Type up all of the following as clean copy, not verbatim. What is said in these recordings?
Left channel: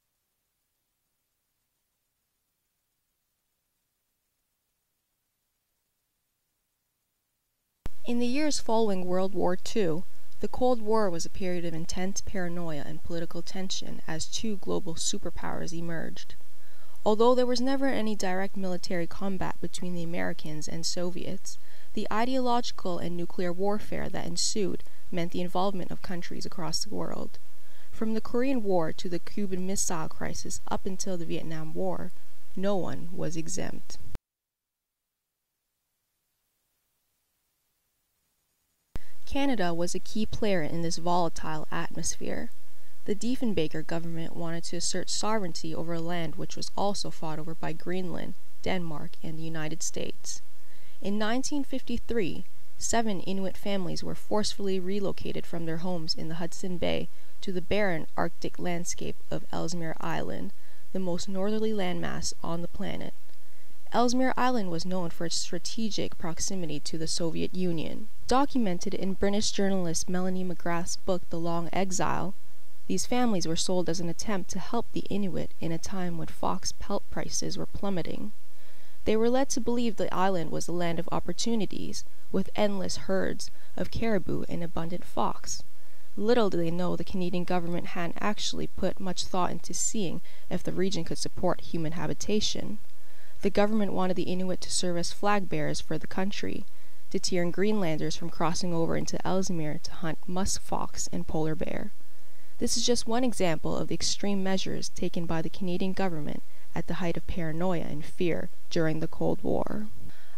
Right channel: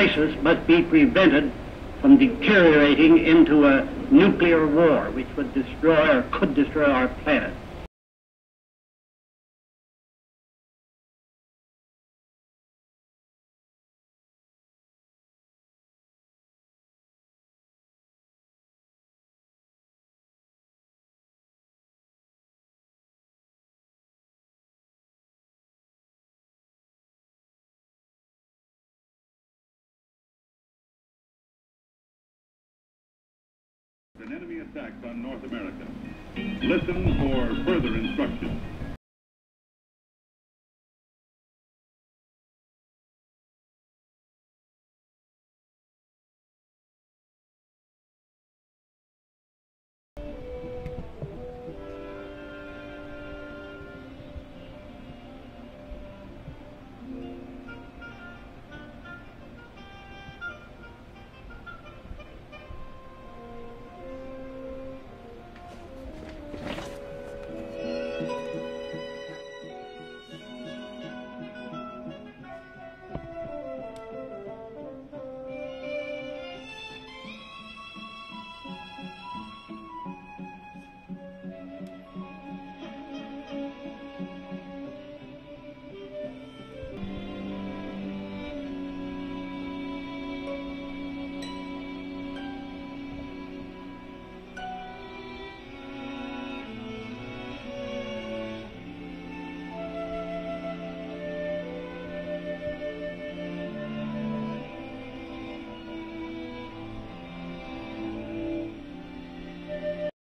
crisis must be prevented from deteriorating into a nuclear war which would destroy or could destroy our planet. In the years following World War II, the Cold War was a period of intense paranoia and political tension as two global superpowers emerged. Although there was never any direct military combat between the Americans and Soviets, the ideological and nuclear warfare that ensued meant the involvement of countries across the world. From the Korean War to the Cuban Missile Crisis up until the Vietnam War, no one was exempt. An enemy attack on North America. Listen for further instructions. Canada was a key player in this volatile atmosphere. The Diefenbaker government wanted to assert sovereignty over land which was also fought over by Greenland, Denmark, and the United States. In 1953, 7 Inuit families were forcefully relocated from their homes in the Hudson Bay to the barren Arctic landscape of Ellesmere Island, the most northerly landmass on the planet. Ellesmere Island was known for its strategic proximity to the Soviet Union. Documented in British journalist Melanie McGrath's book The Long Exile, these families were sold as an attempt to help the Inuit in a time when fox pelt prices were plummeting. They were led to believe the island was a land of opportunities, with endless herds of caribou and abundant fox. Little did they know the Canadian government hadn't actually put much thought into seeing if the region could support human habitation. The government wanted the Inuit to serve as flag bearers for the country, deterring Greenlanders from crossing over into Ellesmere to hunt musk fox and polar bear. This is just one example of the extreme measures taken by the Canadian government at the height of paranoia and fear during the Cold War.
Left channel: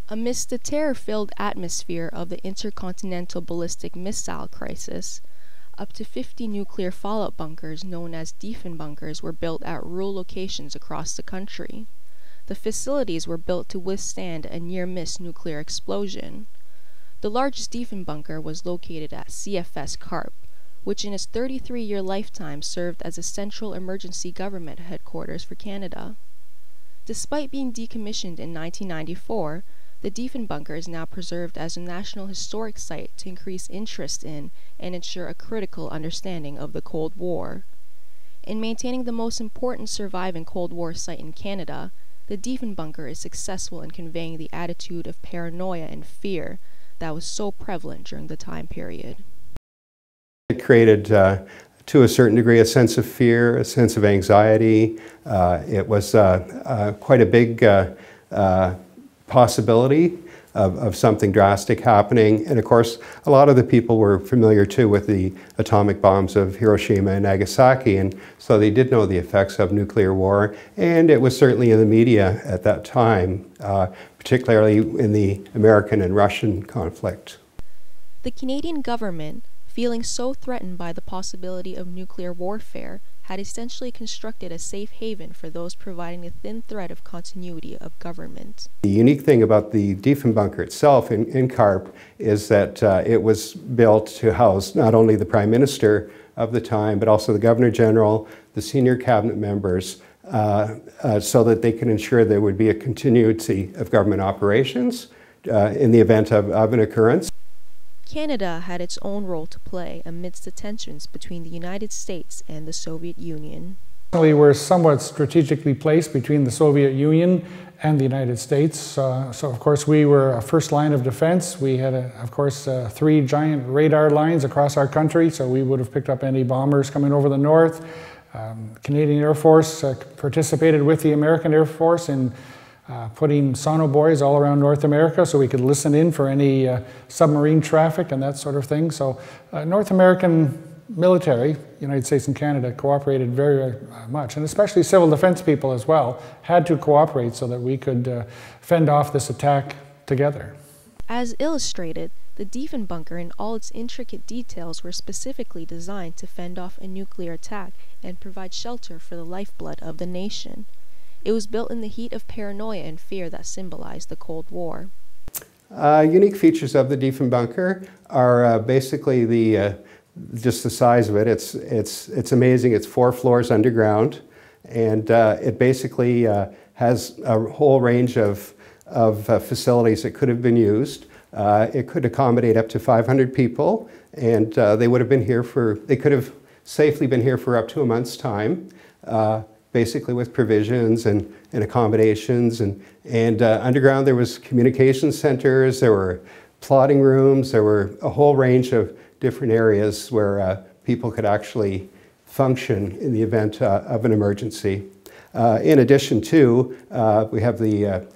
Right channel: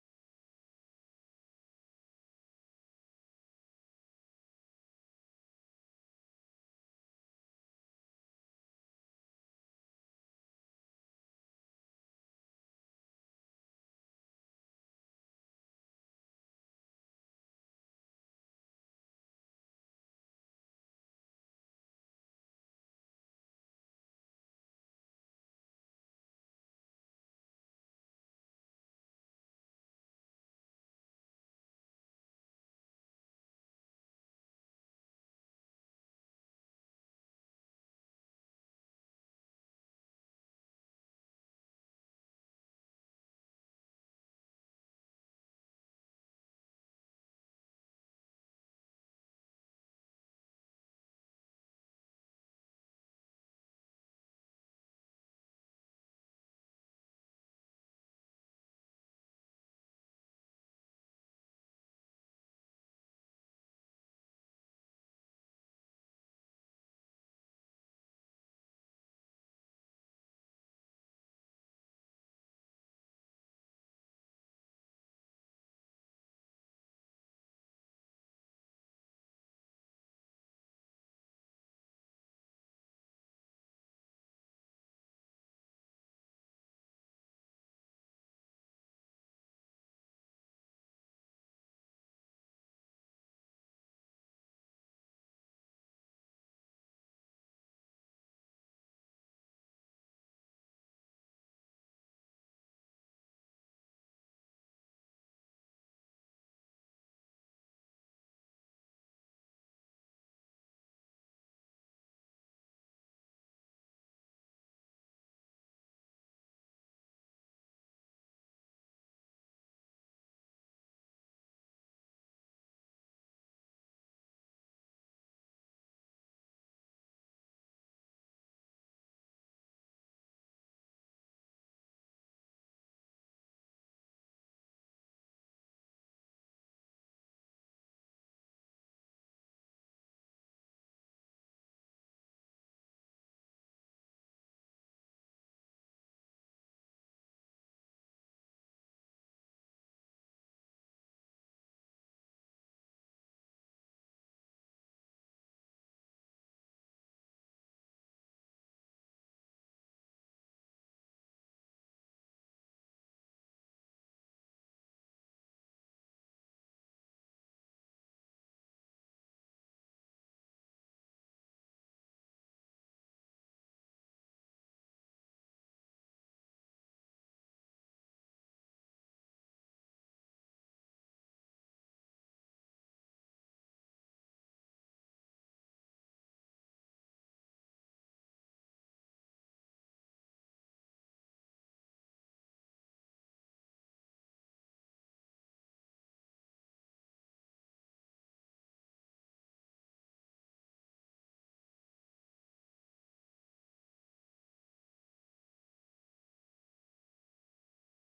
Amidst the terror-filled atmosphere of the intercontinental ballistic missile crisis, up to 50 nuclear fallout bunkers known as Diefenbunkers were built at rural locations across the country. The facilities were built to withstand a near-miss nuclear explosion. The largest Diefenbunker was located at CFS Carp, which in its 33-year lifetime served as a central emergency government headquarters for Canada. Despite being decommissioned in 1994, the Diefenbunker is now preserved as a National Historic Site to increase interest in and ensure a critical understanding of the Cold War. In maintaining the most important surviving Cold War site in Canada, the Diefenbunker is successful in conveying the attitude of paranoia and fear that was so prevalent during the time period. It created, to a certain degree, a sense of fear, a sense of anxiety. It was quite a big possibility of something drastic happening. And of course, a lot of the people were familiar too with the atomic bombs of Hiroshima and Nagasaki, and so they did know the effects of nuclear war. And it was certainly in the media at that time, particularly in the American and Russian conflict. The Canadian government, feeling so threatened by the possibility of nuclear warfare, had essentially constructed a safe haven for those providing a thin thread of continuity of government. The unique thing about the Diefenbunker itself in Carp is that it was built to house not only the Prime Minister of the time, but also the Governor General, the senior cabinet members, so that they could ensure there would be a continuity of government operations in the event of an occurrence. Canada had its own role to play amidst the tensions between the United States and the Soviet Union. We were somewhat strategically placed between the Soviet Union and the United States. So of course we were a first line of defense. We had, of course, 3 giant radar lines across our country, so we would have picked up any bombers coming over the north. The Canadian Air Force participated with the American Air Force in putting sonobuoys all around North America so we could listen in for any submarine traffic and that sort of thing. So North American military, United States and Canada, cooperated very much, and especially civil defense people as well, had to cooperate so that we could fend off this attack together. As illustrated, the Diefenbunker in all its intricate details were specifically designed to fend off a nuclear attack and provide shelter for the lifeblood of the nation. It was built in the heat of paranoia and fear that symbolized the Cold War. Unique features of the Diefenbunker are basically just the size of it. It's amazing. It's 4 floors underground, and it basically has a whole range of facilities that could have been used. It could accommodate up to 500 people, and they could have safely been here for up to a month's time. basically with provisions and accommodations. And underground there was communication centers, there were plotting rooms, there were a whole range of different areas where people could actually function in the event of an emergency. In addition to, we have the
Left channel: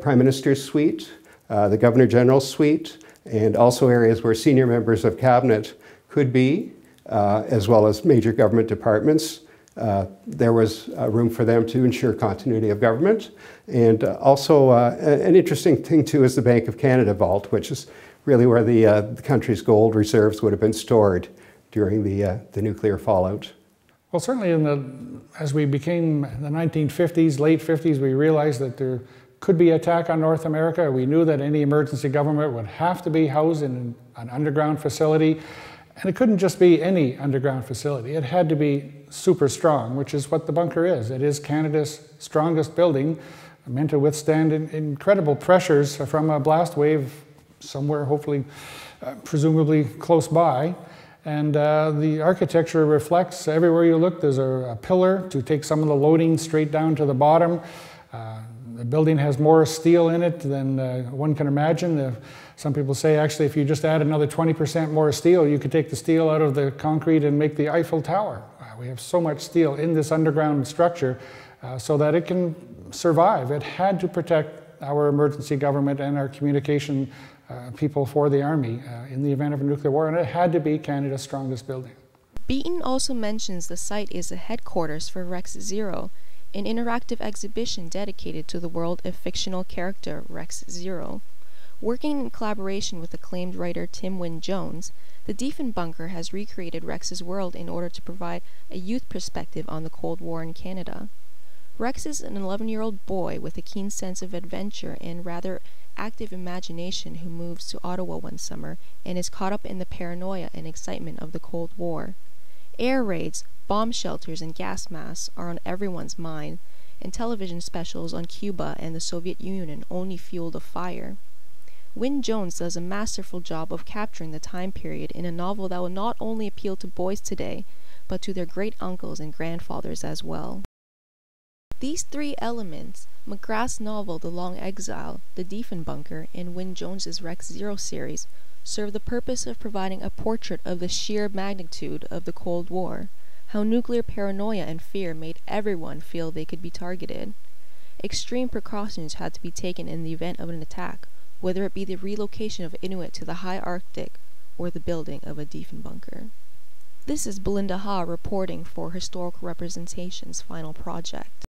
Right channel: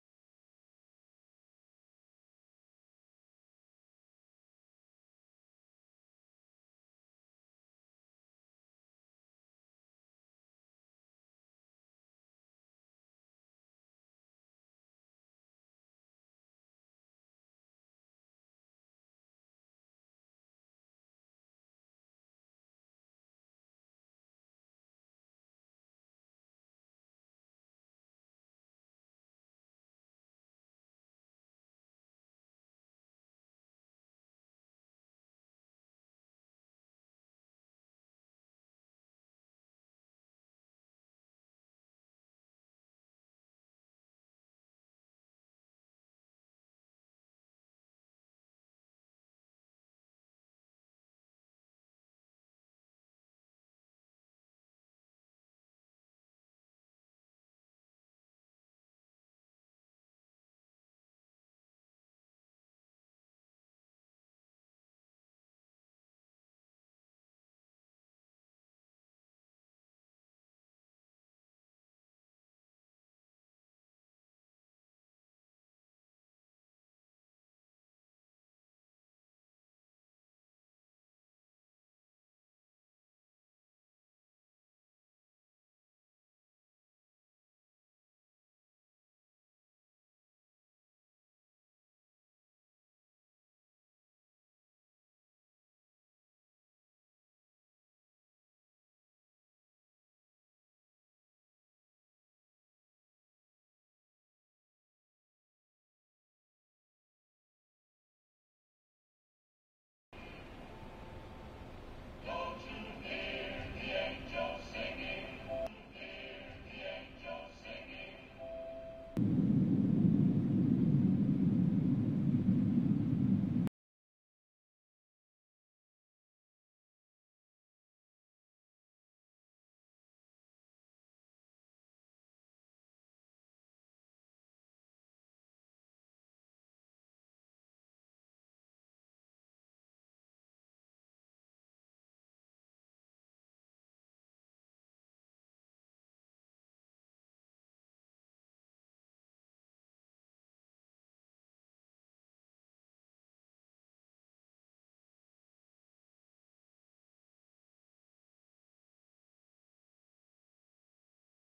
Prime Minister's suite, the Governor General's suite, and also areas where senior members of cabinet could be, as well as major government departments. There was room for them to ensure continuity of government. And also an interesting thing too is the Bank of Canada vault, which is really where the country's gold reserves would have been stored during the nuclear fallout. Well, certainly as we became the 1950s, late 50s, we realized that there could be attack on North America. We knew that any emergency government would have to be housed in an underground facility. And it couldn't just be any underground facility. It had to be super strong, which is what the bunker is. It is Canada's strongest building, meant to withstand incredible pressures from a blast wave somewhere, hopefully, presumably close by. And the architecture reflects, everywhere you look, there's a pillar to take some of the loading straight down to the bottom. The building has more steel in it than one can imagine. Some people say, actually, if you just add another 20% more steel, you could take the steel out of the concrete and make the Eiffel Tower. We have so much steel in this underground structure so that it can survive. It had to protect our emergency government and our communication people for the Army in the event of a nuclear war, and it had to be Canada's strongest building. Beaton also mentions the site is the headquarters for Rex Zero, an interactive exhibition dedicated to the world of fictional character Rex Zero. Working in collaboration with acclaimed writer Tim Wynne-Jones, the Diefenbunker has recreated Rex's world in order to provide a youth perspective on the Cold War in Canada. Rex is an 11-year-old boy with a keen sense of adventure and rather active imagination who moves to Ottawa one summer and is caught up in the paranoia and excitement of the Cold War. Air raids, bomb shelters, and gas masks are on everyone's mind, and television specials on Cuba and the Soviet Union only fuel the fire. Wynne-Jones does a masterful job of capturing the time period in a novel that will not only appeal to boys today, but to their great-uncles and grandfathers as well. These three elements, McGrath's novel The Long Exile, The Diefenbunker, and Wynne-Jones's Rex Zero series, serve the purpose of providing a portrait of the sheer magnitude of the Cold War, how nuclear paranoia and fear made everyone feel they could be targeted. Extreme precautions had to be taken in the event of an attack, whether it be the relocation of Inuit to the high Arctic or the building of a Diefenbunker. This is Belinda Ha reporting for Historical Representation's final project.